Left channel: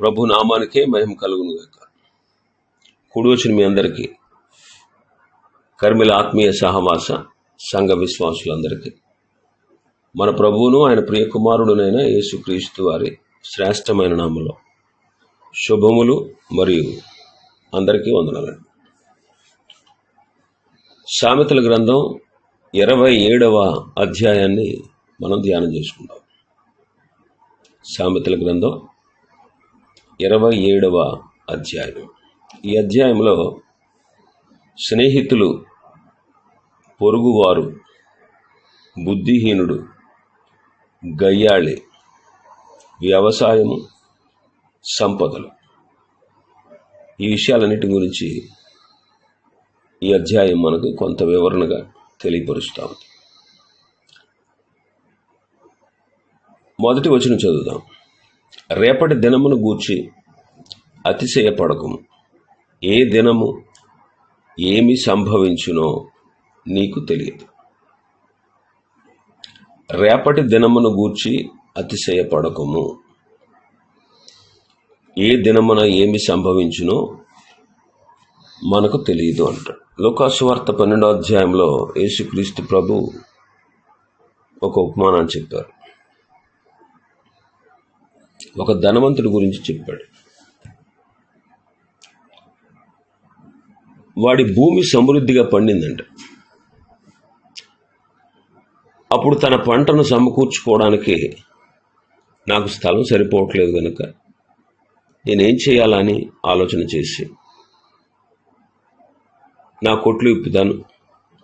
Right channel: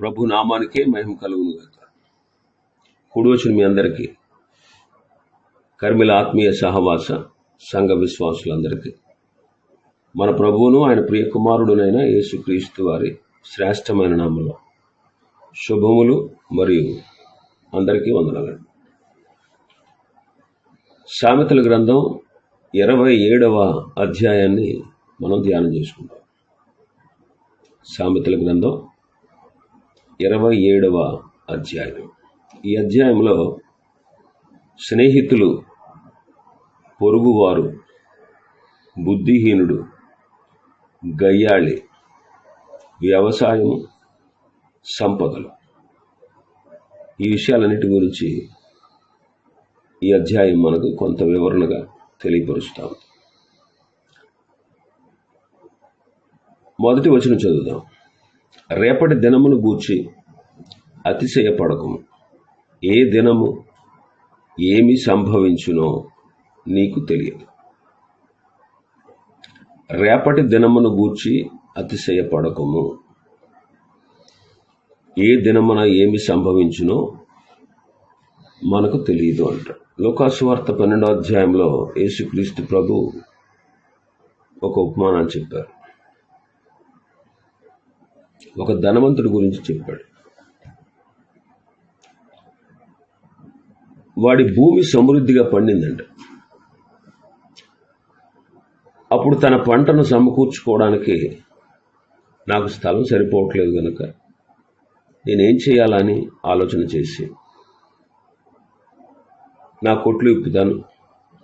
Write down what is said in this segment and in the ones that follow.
ప్రభు నామానికే మహిమ కలుగును గాక కూడి వచ్చిన మీ అందరికీ కర్మిల ఆత్మీయ సహవాస సంఘ విశ్వాసులందరికీ మన ప్రభువును ఆయన ప్రియ కుమారుడునైన యేసుక్రీస్తు వారి శ్రేష్టమైన నామలో శుభములు మరియు అందరికీ వందనాలండి. సామెతల గ్రంథం ఇరవై ఏడవ అధ్యాయాన్ని మనం ధ్యానం చేసుకుందాం. సామెతల గ్రంథం ఇరవై ఏడవ అధ్యాయం. ఈ అధ్యాయంలో స్నేహితులు పొరుగువారు బుద్ధిహీనుడు గయ్యాళి వ్యవసాయం సంపదలు. ఈ విషయాలన్నిటి గురించి ఈ అధ్యాయం మనకు కొంత వివరణగా తెలియపరుస్తాం మొదటి వచనం చదువుదాం. రేపటి దినమును గూర్చి అతిశయపడకము ఏ దినము ఏమి సంభవించునో నీకు తెలియదు. రేపటి దినమును గూర్చి అతిశయపడకము. ఏ దినమున ఏమి సంభవించునో మనకు తెలియదు అంటాడు లోకాసువార్త పన్నెండో అధ్యాయంలో యేసుక్రీస్తు ప్రభు ఒక ఉపమానాన్ని చెప్పారు. ఒక ధనవంతుడి గురించి చెప్పాడు. వాడి భూమి సమృద్ధిగా పండిందంట. అప్పుడు తన పంటను సమకూర్చుకోవడానికి నాకు స్థలం సరిపోవట్లేదు కనుక నేనేం చేయాలని ఆలోచన చేసి నా కొట్లు ఇప్పుతాను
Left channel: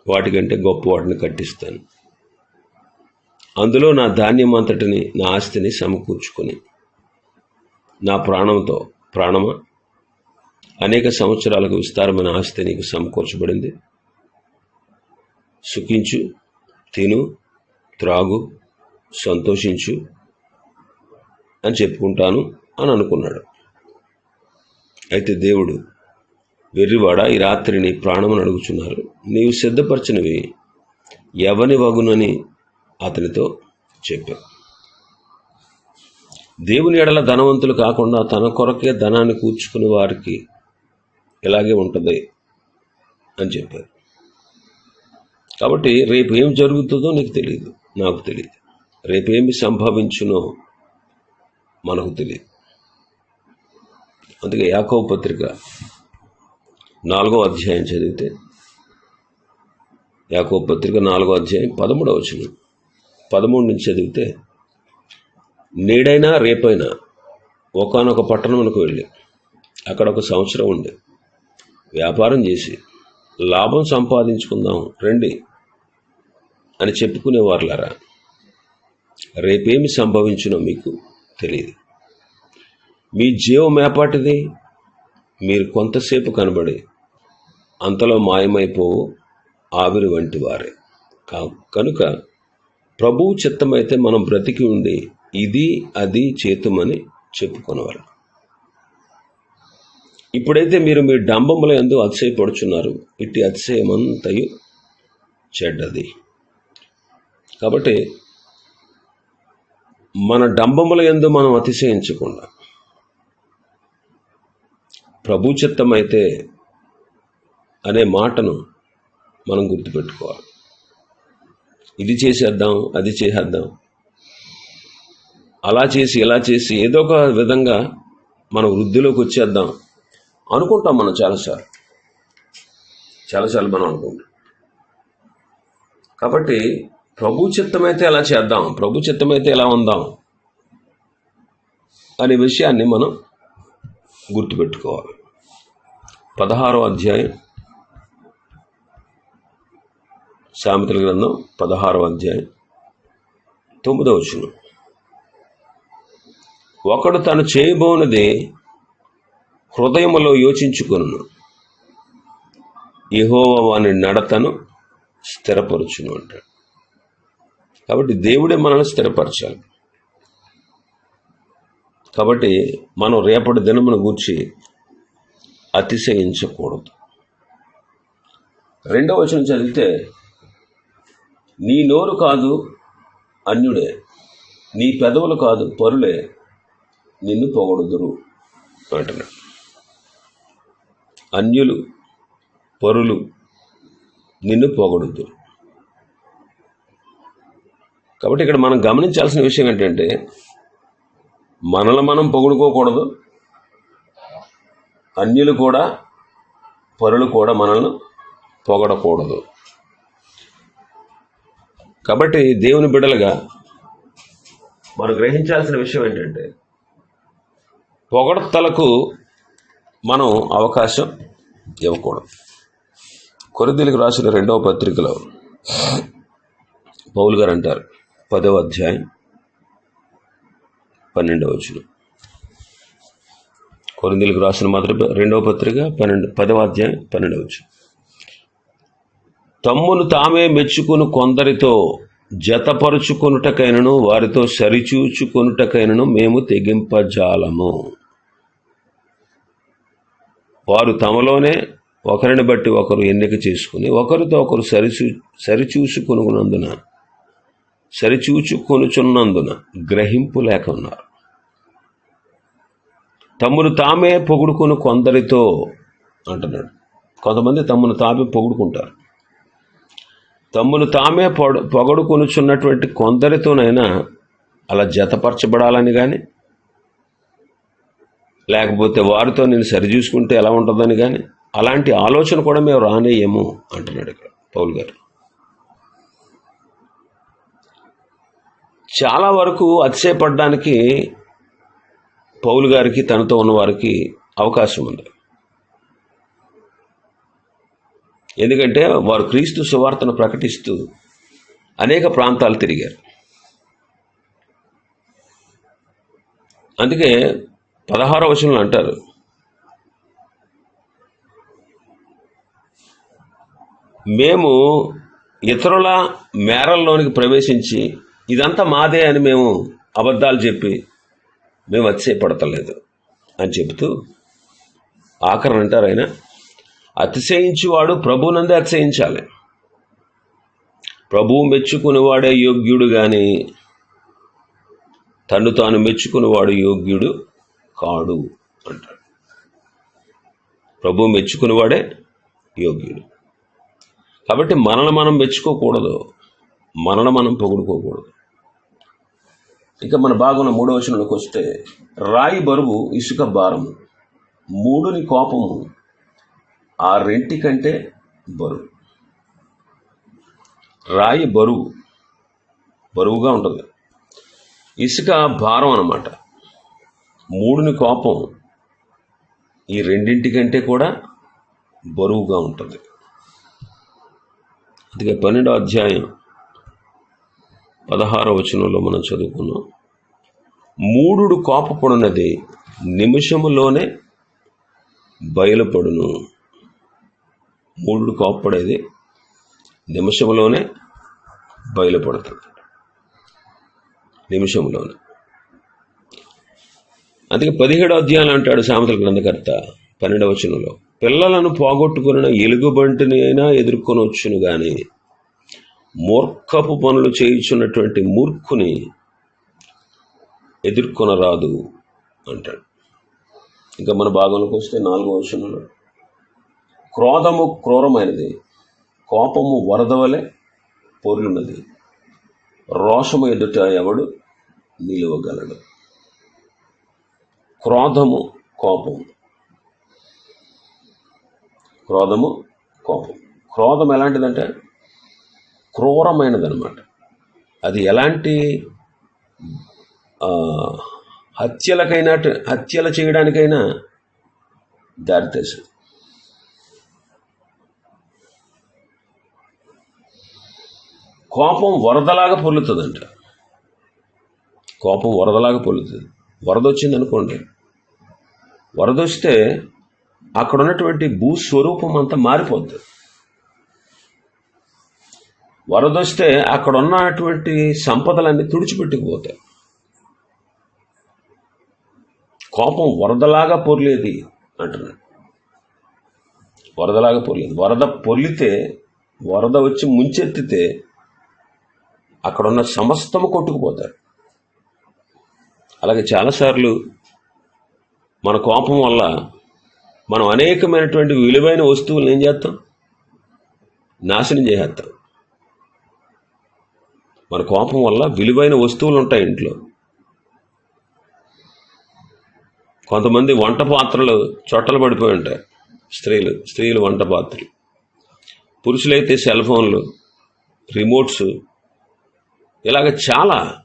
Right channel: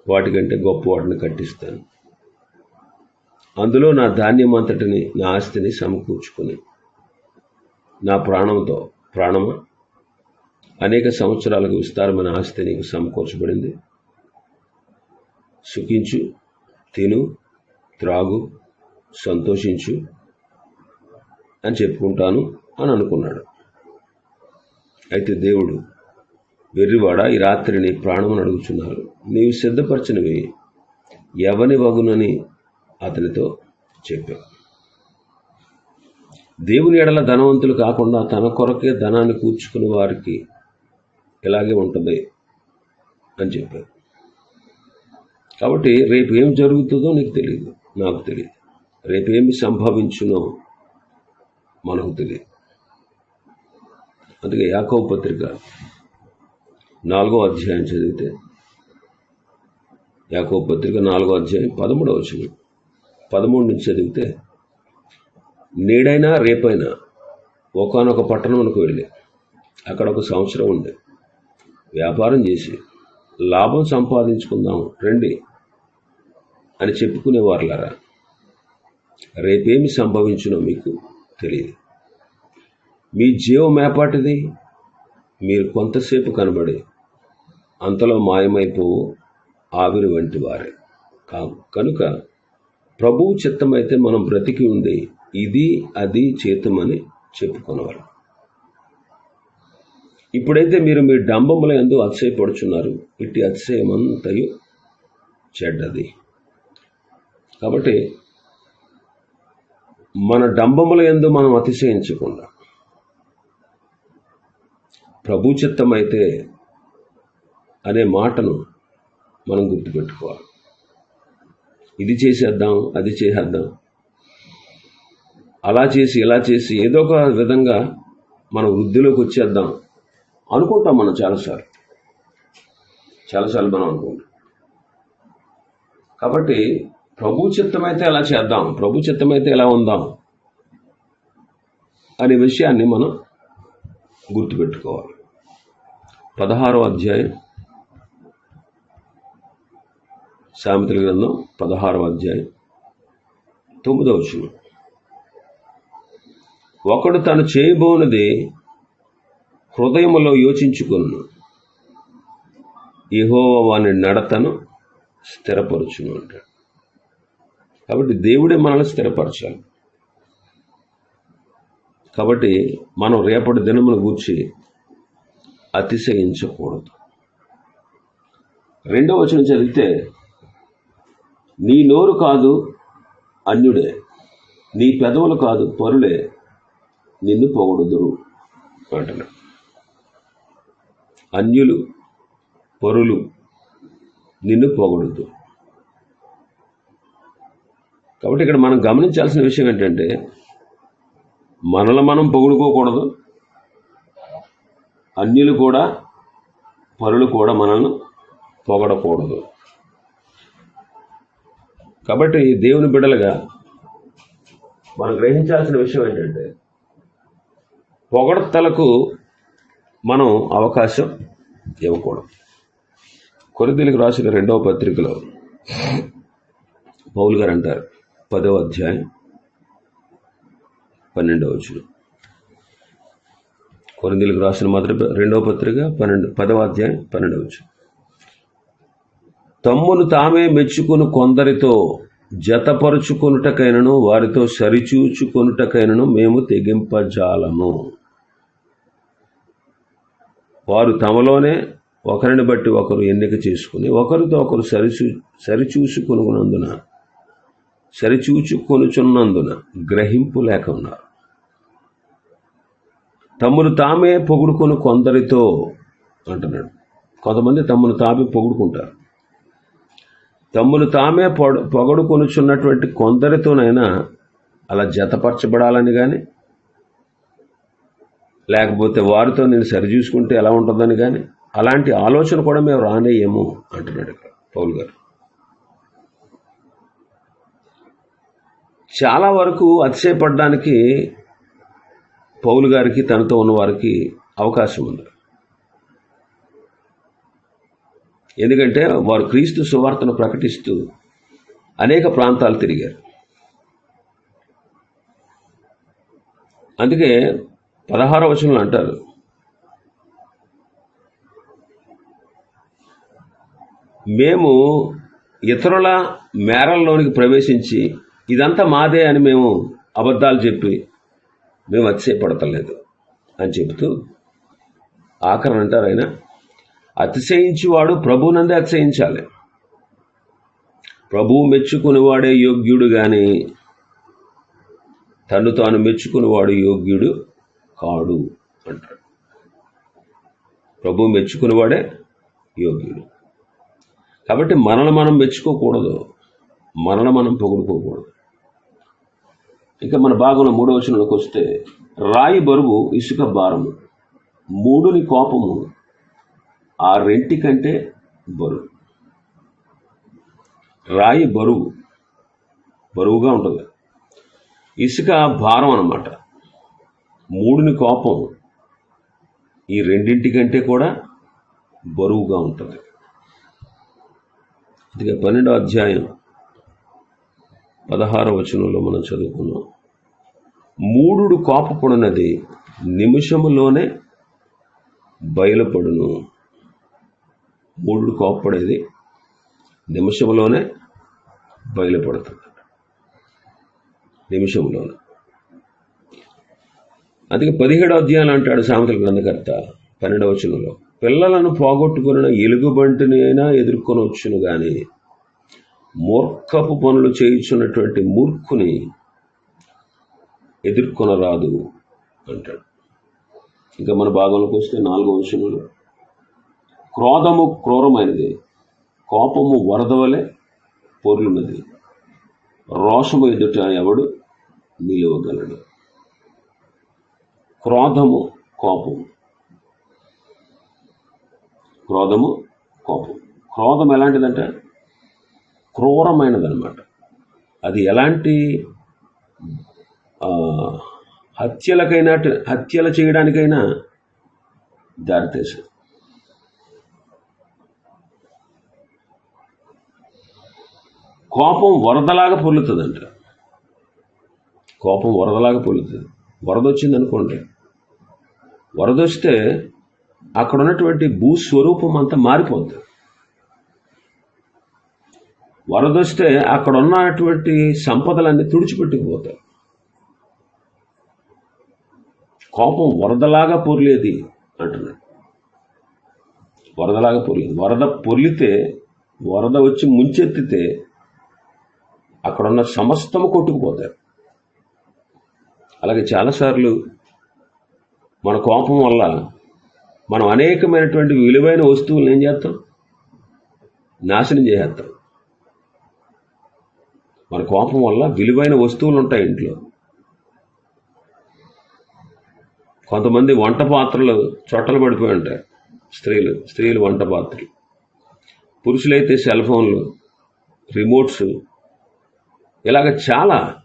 వాటికంటే గొప్ప వాటిని కట్టిస్తాను. అందులో నా ధాన్యం అంతటిని నా ఆస్తిని సమకూర్చుకుని నా ప్రాణంతో ప్రాణమా? అనేక సంవత్సరాలకు విస్తారమైన ఆస్తి నీకు సమకూర్చబడింది. సుఖించు తిను త్రాగు సంతోషించు అని చెప్పుకుంటాను అని అనుకున్నాడు. అయితే దేవుడు వెర్రివాడ ఈ రాత్రి నీ ప్రాణమును అడుగుచున్నారు. నీవు సిద్ధపరచినవి ఎవని వగునని అతనితో చెప్పావు. దేవుని ఎడల ధనవంతులు కాకుండా తన కొరకే ధనాన్ని కూర్చుకుని వారికి ఇలాగే ఉంటుంది అని చెప్పారు. కాబట్టి రేపు ఏం జరుగుతుందో నీకు తెలియదు నాకు తెలియదు రేపేమి సంభవించునో మనకు తెలియదు అందుకే యాకవ పత్రిక నాలుగో అధ్యాయం చదివితే యాకో పత్రిక నాలుగో అధ్యాయం పదమూడవ వచ్చిన పదమూడు నుంచి చదివితే నేడైనా రేపైనా ఒకనొక పట్టణంకు వెళ్ళి అక్కడ ఒక సంవత్సరం ఉండి వ్యాపారం చేసి లాభం సంపాదించుకుందాం రండి అని చెప్పుకునేవారులారా రేపేమి సంభవించునో మీకు తెలియదు. మీ జీవం ఏపాటిది? మీరు కొంతసేపు కనబడి అంతలో మాయమైపోవు ఆవిరి వంటి వారే. కా- కనుక ప్రభువు చిత్తమైతే మనం బ్రతికి ఉండి ఇది అది చేతుమని చెప్పుకునేవారు. ఇప్పుడైతే మీరు మీ డంబముల ఎందు అతిశయపడుచున్నారు. ఇట్టి అతిశయమంతయు చెడ్డది. కాబట్టి మన డంబముల ఎందు మనం అతిశయించకుండా ప్రభు చిత్తమైతే అనే మాటను మనం గుర్తుపెట్టుకోవాలి. ఇది చేసేద్దాం అది చేసేద్దాం అలా చేసి ఇలా చేసి ఏదో ఒక విధంగా మన వృద్ధిలోకి వచ్చేద్దాం అనుకుంటాం మనం చాలాసార్లు. చాలాసార్లు మనం అనుకుంటాం. కాబట్టి ప్రభు చిత్తమైతే ఎలా చేద్దాం ప్రభు చిత్తమైతే ఎలా ఉందాం అనే విషయాన్ని మనం గుర్తుపెట్టుకోవాలి. పదహారో అధ్యాయం సామెతల గ్రంథం పదహారో అధ్యాయం తొమ్మిదవ వచనం. ఒకడు తను చేయబోనది హృదయములో యోచించుకును యెహోవా వాని నడతను స్థిరపరచును అంటాడు. కాబట్టి దేవుడే మనల్ని స్థిరపరచాలి. కాబట్టి మనం రేపటి దినమును గూర్చి అతిశయించకూడదు. రెండవ వచనం చదివితే నీ నోరు కాదు అన్యుడే నీ పెదవులు కాదు పరులే నిన్ను పొగడుదురు అంటున్నాడు అన్యులు పరులు నిన్ను పొగడుదురు. కాబట్టి ఇక్కడ మనం గమనించాల్సిన విషయం ఏంటంటే మనల్ని మనం పొగుడుకోకూడదు. అన్యులు కూడా పరులు కూడా మనల్ని పొగడకూడదు. కాబట్టి దేవుని బిడ్డలుగా మనం గ్రహించాల్సిన విషయం ఏంటంటే పొగడతలకు మనం అవకాశం ఇవ్వకూడదు. కొరిదీలకు రాసిన రెండవ పత్రికలో పౌల్ గారు అంటారు పదవ అధ్యాయం పన్నెండవ వచ్చిన కొరిందీలకు రాసిన మొదటి రెండవ పత్రిక పన్నెండు పదవ అధ్యాయం పన్నెండవ వచ్చిన తమ్మును తామే మెచ్చుకుని కొందరితో జతపరుచుకొనుటకైనను వారితో సరిచూచుకొనుటకైనను మేము తెగింపజాలము. వారు తమలోనే ఒకరిని బట్టి ఒకరు ఎన్నిక చేసుకుని ఒకరితో ఒకరు సరిచూ సరిచూసుకొనున్నందున సరిచూచుకొనుచున్నందున గ్రహింపు లేక ఉన్నారు. తమ్మును తామే పొగుడుకొని కొందరితో అంటున్నాడు. కొంతమంది తమ్మును తామే పొగుడుకుంటారు. తమ్మును తామే పొగ పొగడుకొనుచున్నటువంటి కొందరితోనైనా అలా జతపరచబడాలని కానీ లేకపోతే వారితో నేను సరిచూసుకుంటే ఎలా ఉంటుందని కానీ అలాంటి ఆలోచన కూడా మేము రానేయేమో అంటున్నాడు ఇక్కడ పౌల్ గారు. చాలా వరకు అతిశయపడడానికి పౌలు గారికి తనతో ఉన్న వారికి అవకాశం ఉంది. ఎందుకంటే వారు క్రీస్తు సువార్తను ప్రకటిస్తూ అనేక ప్రాంతాలు తిరిగారు. అందుకే పదహార వచనంలో అంటారు. మేము ఇతరుల మేరల్లోనికి ప్రవేశించి ఇదంతా మాదే అని మేము అబద్ధాలు చెప్పి మేము అతిశయపడతలేదు అని చెబుతూ ఆఖరణ అంటారు ఆయన. అతిశయించువాడు ప్రభునందే అతిశయించాలి. ప్రభువు మెచ్చుకునేవాడే యోగ్యుడు కానీ తను తాను మెచ్చుకునేవాడు యోగ్యుడు కాడు అంటాడు. ప్రభు మెచ్చుకునేవాడే యోగ్యుడు. కాబట్టి మనల్ని మనం మెచ్చుకోకూడదు మనల్ని మనం పొగుడుకోకూడదు. ఇంకా మన భాగంలో మూడవ వచనంలోకి వస్తే రాయి బరువు ఇసుక భారము మూడుని కోపము ఆ రెంటి కంటే బరువు. రాయి బరువు బరువుగా ఉంటుంది. ఇసుక భారం అన్నమాట. మూడుని కోపం ఈ రెండింటి కంటే కూడా బరువుగా ఉంటుంది. అందుకే పన్నెండో అధ్యాయం పదహారో వచనంలో మనం చదువుకున్నాం. మూడుడు కోపపడినది నిమిషములోనే బయలుపడును. మూడుడు కోపపడేది నిమిషంలోనే బయలుపడుతుంది నిమిషంలోనే అందుకే పదిహేడు అధ్యాయంలో అంటాడు సామెతల గ్రంథకర్త పన్నెండవ వచనంలో పిల్లలను పోగొట్టుకున్న ఎలుగుబంటిని అయినా ఎదుర్కొనవచ్చును కానీ మూర్ఖపు పనులు చేయించున్నటువంటి మూర్ఖుని ఎదుర్కొనరాదు అంటాడు. ఇంకా మన భాగంలోకి వస్తే నాలుగో వచనంలో క్రోధము క్రూరమైనది కోపము వరదవలే పొర్లున్నది రోషము ఎదుట ఎవడు నిలువగలడు? క్రోధము కోపము. క్రోధము కోపం క్రోధం ఎలాంటిదంటే క్రూరమైనదనమాట అది ఎలాంటి హత్యలకైనా హత్యలు చేయడానికైనా దారితీసింది కోపం వరదలాగా పొల్లుతుందంట కోపం వరదలాగా పొల్లుతుంది వరద వచ్చింది అనుకోండి వరద వస్తే అక్కడ ఉన్నటువంటి భూస్వరూపం అంతా మారిపోతుంది వరద వస్తే అక్కడ ఉన్నటువంటి సంపదలన్నీ తుడిచిపెట్టుకుపోతాయి కోపం వరదలాగా పొర్లేది అంటున్నాడు వరదలాగా పొర్లేదు. వరద పొర్లితే వరద వచ్చి ముంచెత్తితే అక్కడ ఉన్న సమస్తము కొట్టుకుపోతారు అలాగే చాలాసార్లు మన కోపం వల్ల మనం అనేకమైనటువంటి విలువైన వస్తువులను ఏం చేస్తాం? నాశనం చేసేస్తాం. మన కోపం వల్ల విలువైన వస్తువులు ఉంటాయి ఇంట్లో. కొంతమంది వంట పాత్రలు చొట్టలు పడిపోయి ఉంటాయి. స్త్రీలు స్త్రీలు వంట పాత్రలు. పురుషులైతే సెల్ ఫోన్లు రిమోట్స్ ఇలాగ చాలా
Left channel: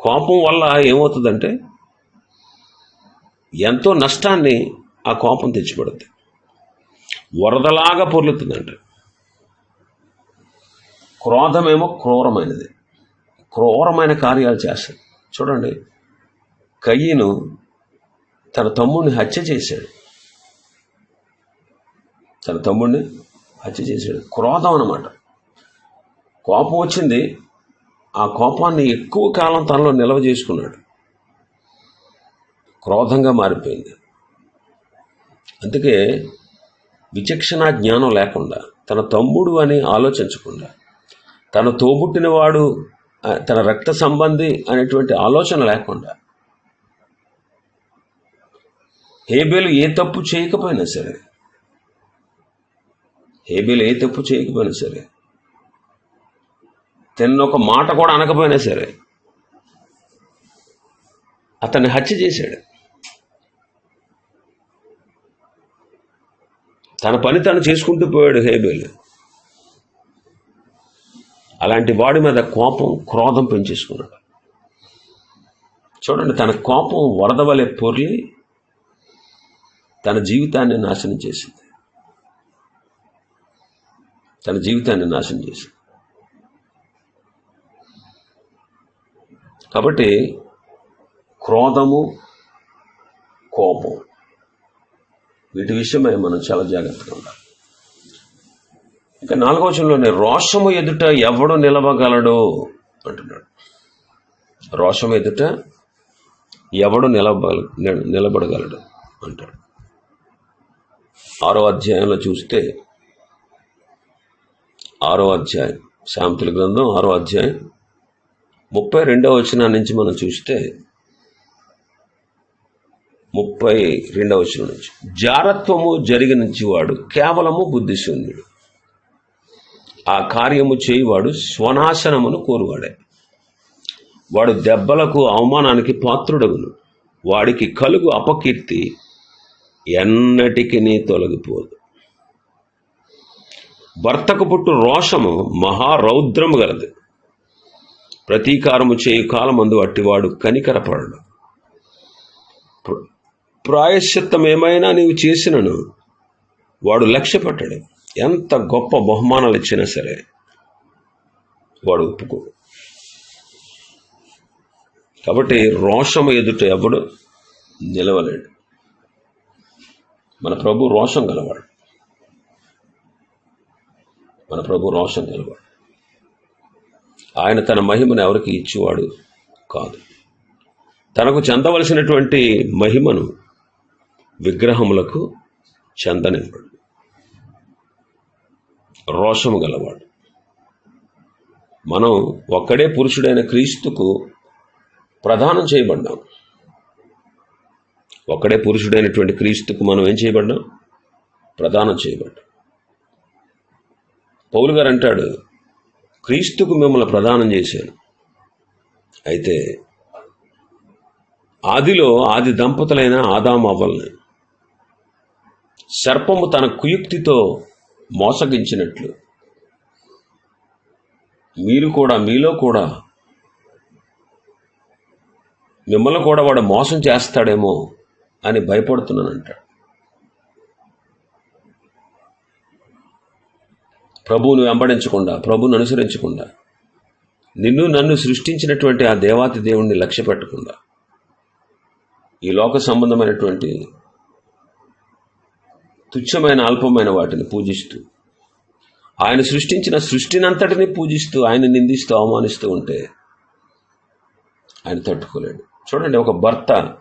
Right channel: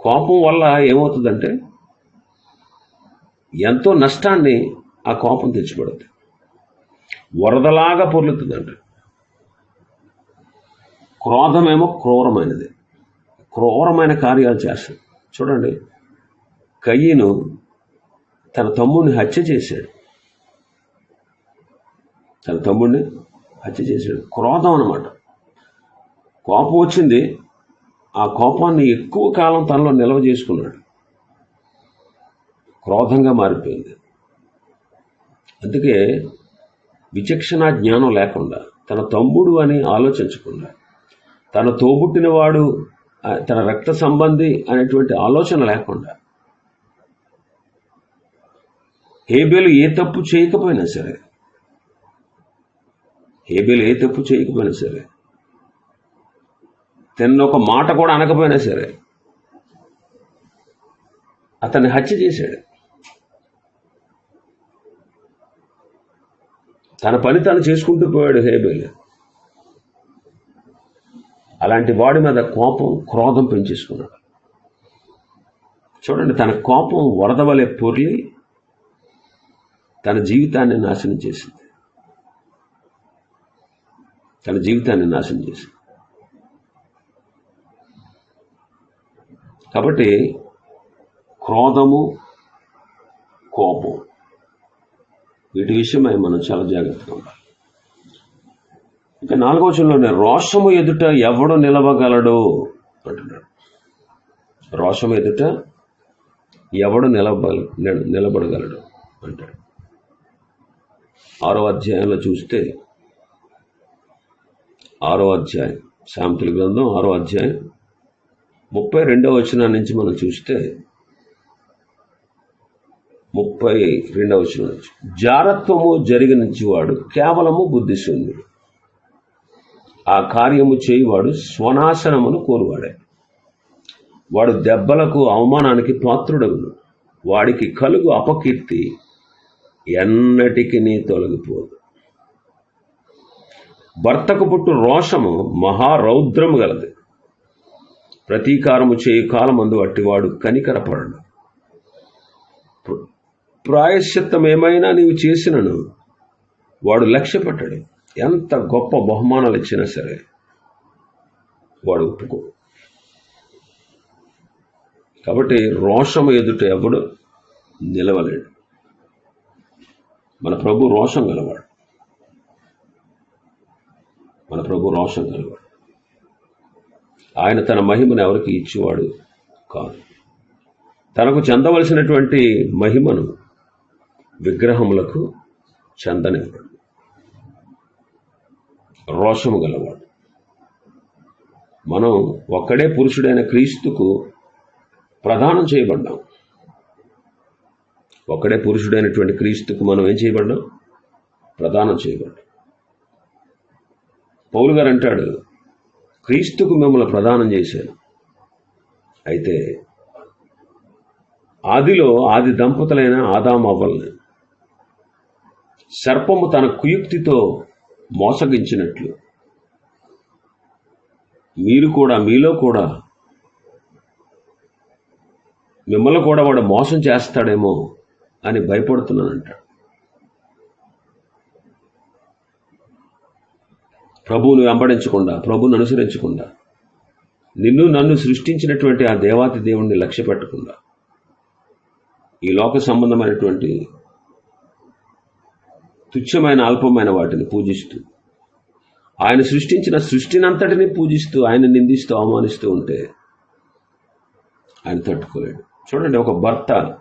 కోపం వల్ల ఏమవుతుందంటే ఎంతో నష్టాన్ని ఆ కోపం తెచ్చిపెడుతుంది వరదలాగా పొర్లుతుందంట. క్రోధమేమో క్రూరమైనది. క్రూరమైన కార్యాలు చేస్తాడు చూడండి కయ్యను తన తమ్ముడిని హత్య చేశాడు. తన తమ్ముడిని హత్య చేశాడు. క్రోధం అన్నమాట. కోపం వచ్చింది ఆ కోపాన్ని ఎక్కువ కాలం తనలో నిల్వ చేసుకున్నాడు. క్రోధంగా మారిపోయింది. అందుకే విచక్షణ జ్ఞానం లేకుండా తన తమ్ముడు అని ఆలోచించకుండా తన తోబుట్టినవాడు తన రక్త సంబంధి అనేటువంటి ఆలోచన లేకుండా హేబేలు ఏ తప్పు చేయకపోయినా సరే హేబేలు ఏ తప్పు చేయకపోయినా సరే తిన్న ఒక మాట కూడా అనకపోయినా సరే అతన్ని హత్య చేశాడు. తన పని తను చేసుకుంటూ పోయాడు హేబేలు. అలాంటి వాడి మీద కోపం క్రోధం పెంచేసుకున్నాడు. చూడండి తన కోపం వరద వలె పొర్లి తన జీవితాన్ని నాశనం చేసింది. తన జీవితాన్ని నాశనం చేసింది. కాబట్టి క్రోధము కోపం వీటి విషయమై మనం చాలా జాగ్రత్తగా ఉండాలి. ఇక నాలుగవ చంలోనే రోషము ఎదుట ఎవడు నిలవగలడు అంటున్నాడు. రోషము ఎదుట ఎవడు నిలబ నిలబడగలడు అంటాడు. ఆరో అధ్యాయంలో చూస్తే ఆరో అధ్యాయం సామెతల గ్రంథం ఆరో అధ్యాయం ముప్పై రెండవ వచనం నుంచి మనం చూస్తే ముప్పై రెండవ వచనం నుంచి. జారత్వము జరిగినంచి వాడు కేవలము బుద్ధిశూన్యుడు. ఆ కార్యము చేయువాడు స్వనాశనమును కోరువాడే. వాడు దెబ్బలకు అవమానానికి పాత్రుడగును. వాడికి కలుగు అపకీర్తి ఎన్నటికి తొలగిపోదు. భర్తకు పుట్టు రోషము మహారౌద్రము గలది. ప్రతీకారము చేయు కాలమందు అట్టివాడు కనికరపడడు ప్రాయశ్చిత్తం ఏమైనా నీవు చేసినను వాడు లక్ష్యపెట్టడు. ఎంత గొప్ప బహుమానాలు ఇచ్చినా సరే వాడు ఒప్పుకో. కాబట్టి రోషము ఎదుట ఎవడు నిలవలేడు. మన ప్రభు రోషం గలవాడు. మన ప్రభు రోషం గలవాడు. ఆయన తన మహిమను ఎవరికి ఇచ్చేవాడు కాదు. తనకు చెందవలసినటువంటి మహిమను విగ్రహములకు చెందనివ్వడు. రోషము గలవాడు. మనం ఒక్కడే పురుషుడైన క్రీస్తుకు ప్రదానం చేయబడ్డాం. ఒక్కడే పురుషుడైనటువంటి క్రీస్తుకు మనం ఏం చేయబడ్డాం? ప్రదానం చేయబడ్డాం. పౌలు గారు అంటాడు క్రీస్తుకు మిమ్మల్ని ప్రదానం చేశాను అయితే ఆదిలో ఆది దంపతులైన ఆదాం అవ్వల్ని సర్పము తన కుయుక్తితో మోసగించినట్లు. మీరు కూడా మీలో కూడా మిమ్మల్ని కూడా వాడు మోసం చేస్తాడేమో అని భయపడుతున్నానంటాడు. ప్రభువును వెంబడించకుండా ప్రభువును అనుసరించకుండా నిన్ను నన్ను సృష్టించినటువంటి ఆ దేవాతి దేవుణ్ణి లక్ష్య పెట్టకుండా ఈ లోక సంబంధమైనటువంటి తుచ్చమైన అల్పమైన వాటిని పూజిస్తూ ఆయన సృష్టించిన సృష్టినంతటిని పూజిస్తూ ఆయన నిందిస్తూ అవమానిస్తూ ఉంటే ఆయన తట్టుకోలేడు. చూడండి ఒక భర్త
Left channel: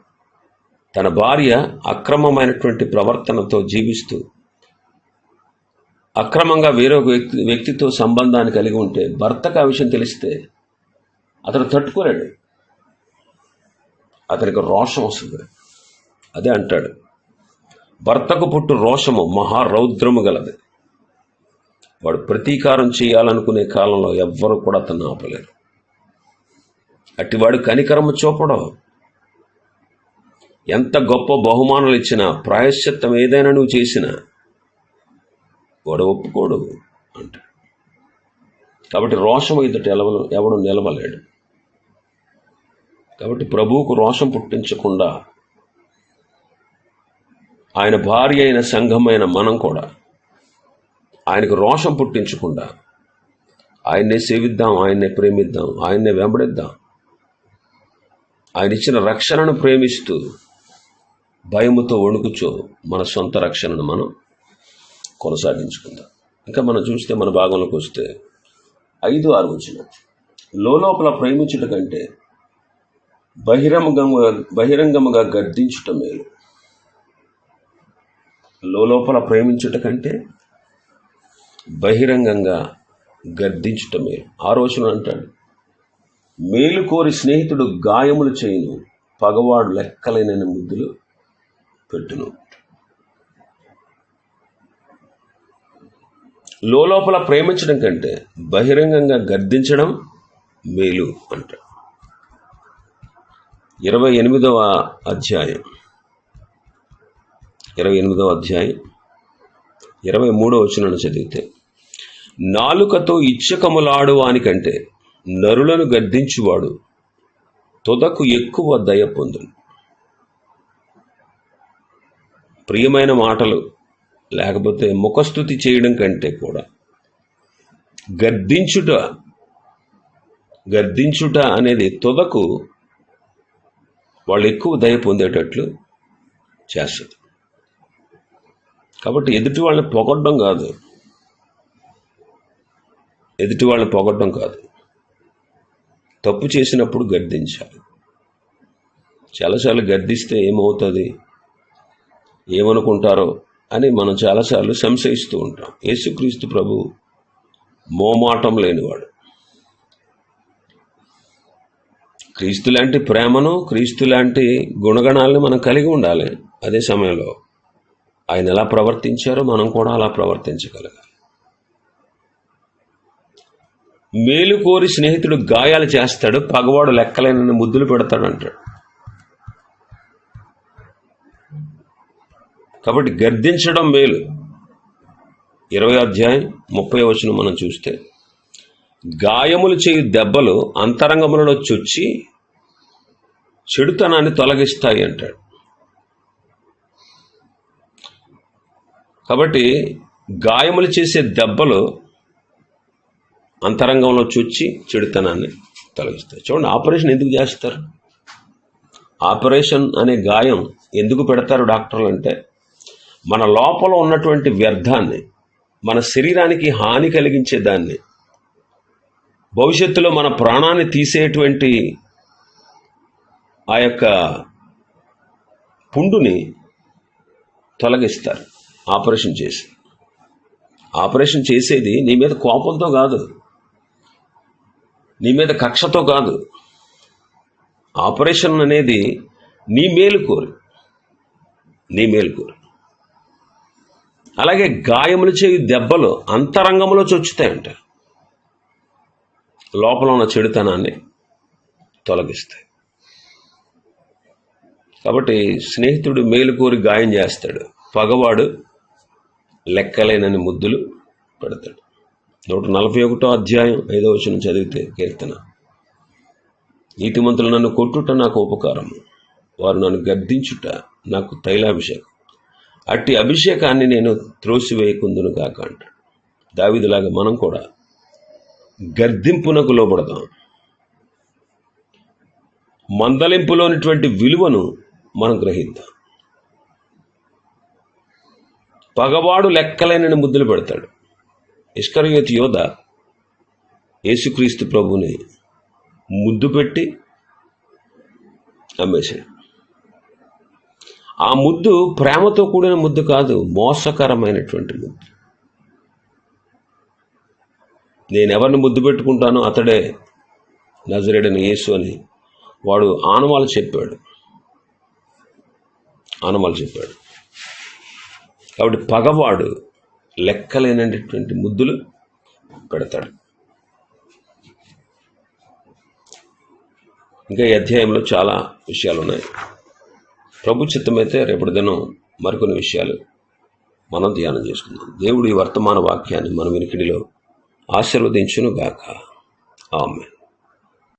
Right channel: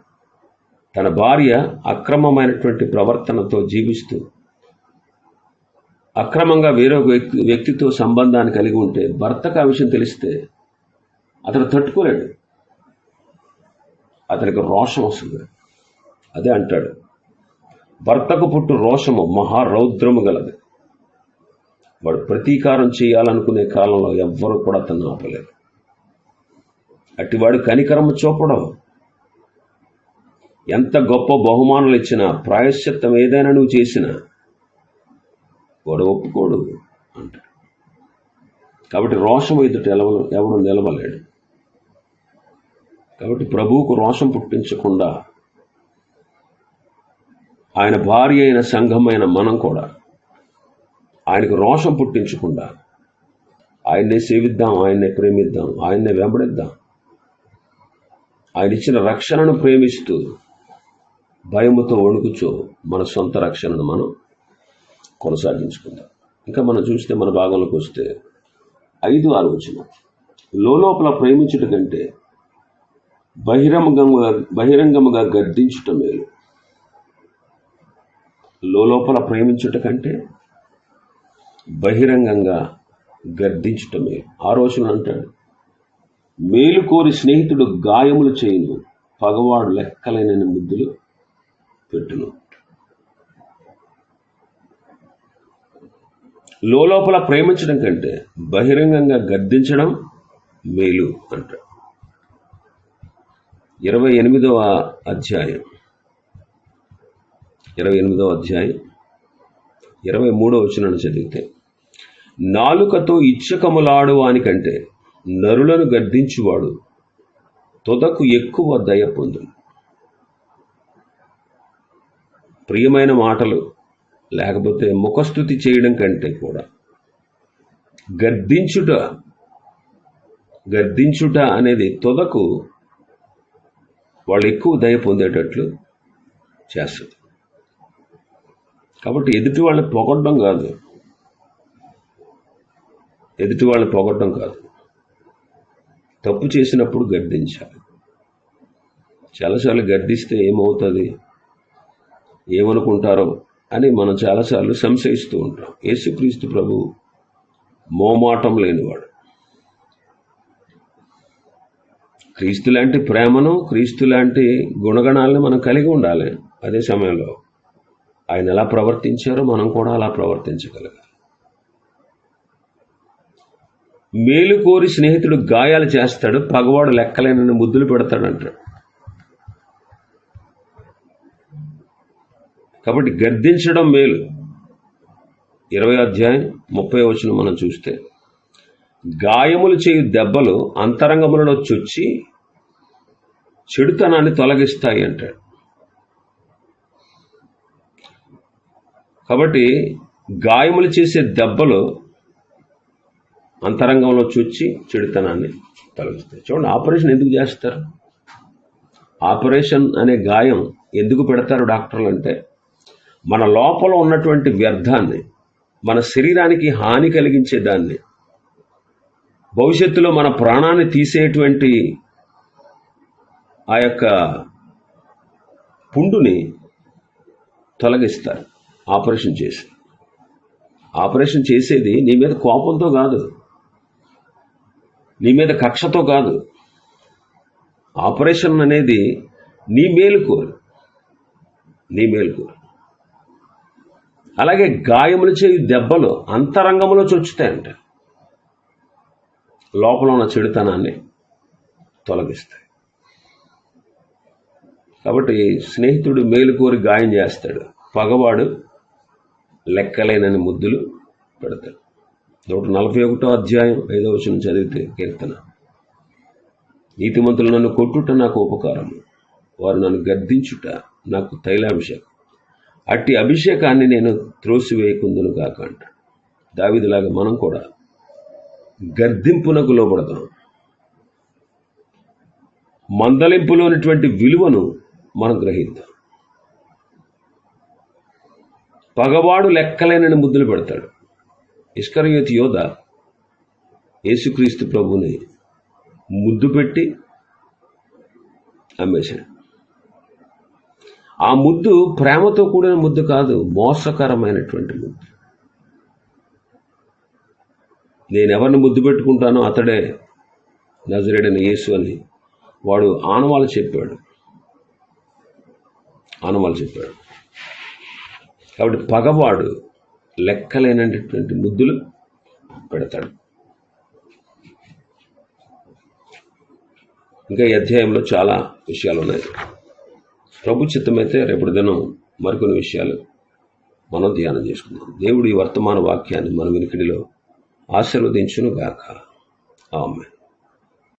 తన భార్య అక్రమమైనటువంటి ప్రవర్తనతో జీవిస్తూ అక్రమంగా వేరొక వ్యక్తి వ్యక్తితో సంబంధాన్ని కలిగి ఉంటే భర్తకు ఆ విషయం తెలిస్తే అతను తట్టుకోలేడు. అతనికి రోషం వస్తుంది. అదే అంటాడు. భర్తకు పుట్టు రోషము మహారౌద్రము గలది. వాడు ప్రతీకారం చేయాలనుకునే కాలంలో ఎవ్వరు కూడా అతను ఆపలేరు. అట్టివాడు కనికరము చూపడం. ఎంత గొప్ప బహుమానులు ఇచ్చినా ప్రాయశ్చిత్తం ఏదైనా నువ్వు చేసినా వాడు ఒప్పుకోడు అంట కాబట్టి రోషం ఎదుట ఎలవ ఎవడు నిలవలేడు. కాబట్టి ప్రభువుకు రోషం పుట్టించకుండా ఆయన భార్య అయిన సంఘమైన మనం కూడా ఆయనకు రోషం పుట్టించకుండా ఆయన్నే సేవిద్దాం ఆయన్నే ప్రేమిద్దాం ఆయన్నే వెంబడిద్దాం. ఆయన ఇచ్చిన రక్షణను ప్రేమిస్తూ భయముతో వణుకుచో మన సొంత రక్షణను మనం కొనసాగించుకుందాం. ఇంకా మనం చూస్తే మన భాగంలోకి వస్తే ఐదు ఆలోచన లోపల ప్రేమించుట కంటే బహిరంగంగా బహిరంగముగా గర్దించుట మేలు. లోపల ప్రేమించుట కంటే బహిరంగంగా గర్దించుట మేలు. ఆ రోజున అంటాడు మేలు కోరి స్నేహితుడు గాయములు చేయును పగవాడు లెక్కలైన ముద్దులు పెట్టును. లోపల ప్రేమించడం కంటే బహిరంగంగా గర్దించడం మేలు అంటాడు ఇరవై ఎనిమిదవ అధ్యాయం. ఇరవై ఎనిమిదవ అధ్యాయం. ఇరవై మూడవ వచనాన్ని చదివితే నాలుకతో ఇచ్చకములాడు వానికంటే నరులను గర్దించువాడు తొదకు ఎక్కువ దయ పొందును. ప్రియమైన మాటలు లేకపోతే ముఖస్థుతి చేయడం కంటే కూడా గద్దించుట గద్దించుట అనేది తుదకు వాళ్ళు ఎక్కువ దయ పొందేటట్లు చేస్తుంది. కాబట్టి ఎదుటి వాళ్ళని పొగడ్డం కాదు. ఎదుటి వాళ్ళని పొగడ్డం కాదు. తప్పు చేసినప్పుడు గర్దించాలి. చాలాసార్లు గర్దిస్తే ఏమవుతుంది? ఏమనుకుంటారో అని మనం చాలాసార్లు సంశయిస్తూ ఉంటాం. యేసుక్రీస్తు ప్రభు మోమాటం లేనివాడు. క్రీస్తు లాంటి ప్రేమను క్రీస్తు లాంటి గుణగణాలను మనం కలిగి ఉండాలి. అదే సమయంలో ఆయన ఎలా ప్రవర్తించారో మనం కూడా అలా ప్రవర్తించగలగాలి. మేలు కోరి స్నేహితుడు గాయాలు చేస్తాడు పగవాడు లెక్కలేనని ముద్దులు పెడతాడు అంటాడు కాబట్టి గర్దించడం మేలు. ఇరవై అధ్యాయం ముప్పై వచనం మనం చూస్తే గాయములు చేయు దెబ్బలు అంతరంగములలో చొచ్చి చెడుతనాన్ని తొలగిస్తాయి అంటాడు. కాబట్టి గాయములు చేసే దెబ్బలు అంతరంగంలో చొచ్చి చెడుతనాన్ని తొలగిస్తాయి. చూడండి ఆపరేషన్ ఎందుకు చేస్తారు? ఆపరేషన్ అనే గాయం ఎందుకు పెడతారు డాక్టర్లు అంటే మన లోపల ఉన్నటువంటి వ్యర్థాన్ని మన శరీరానికి హాని కలిగించే దాన్ని భవిష్యత్తులో మన ప్రాణాన్ని తీసేటువంటి ఆ యొక్క పుండుని తొలగిస్తారు ఆపరేషన్ చేసి. ఆపరేషన్ చేసేది నీ మీద కోపంతో కాదు నీ మీద కక్షతో కాదు. ఆపరేషన్ అనేది నీ మేలు కోరి నీ మేలు కోరి. అలాగే గాయములు చేయి దెబ్బలు అంతరంగంలో చొచ్చుతాయంట. లోపల ఉన్న చెడుతనాన్ని తొలగిస్తాయి. కాబట్టి స్నేహితుడు మేలుకోరి గాయం చేస్తాడు. పగవాడు లెక్కలేనని ముద్దులు పెడతాడు. నూట నలభై ఒకటో అధ్యాయం ఐదో వచ్చిన చదివితే కీర్తన. నీతిమంతులు నన్ను కొట్టుట నాకు ఉపకారము వారు నన్ను గద్దించుట నాకు తైలాభిషేకం. అట్టి అభిషేకాన్ని నేను త్రోసివేయకుందును కాక అంటాడు దావిదిలాగా మనం కూడా గర్దింపునకు లోబడదాం మందలింపులోనిటువంటి విలువను మనం గ్రహిద్దాం. పగవాడు లెక్కలేనని ముద్దులు పెడతాడు. ఇష్కరయోతి యోధ యేసుక్రీస్తు ప్రభుని ముద్దు పెట్టి అమ్మేశాడు. ఆ ముద్దు ప్రేమతో కూడిన ముద్దు కాదు మోసకరమైనటువంటి ముద్దు. నేను ఎవరిని ముద్దు పెట్టుకుంటానో అతడే నజరేడని యేసు అని వాడు ఆనవాళ్ళు చెప్పాడు. ఆనవాళ్ళు చెప్పాడు. కాబట్టి పగవాడు లెక్కలేనటువంటి ముద్దులు పెడతాడు. ఇంకా ఈ అధ్యాయంలో చాలా విషయాలు ఉన్నాయి ప్రభు చిత్తమైతే రేపటి దినం మరికొన్ని విషయాలు మనం ధ్యానం చేసుకుందాం. దేవుడు ఈ వర్తమాన వాక్యాన్ని మన వినికిడిలో ఆశీర్వదించును గాక ఆమె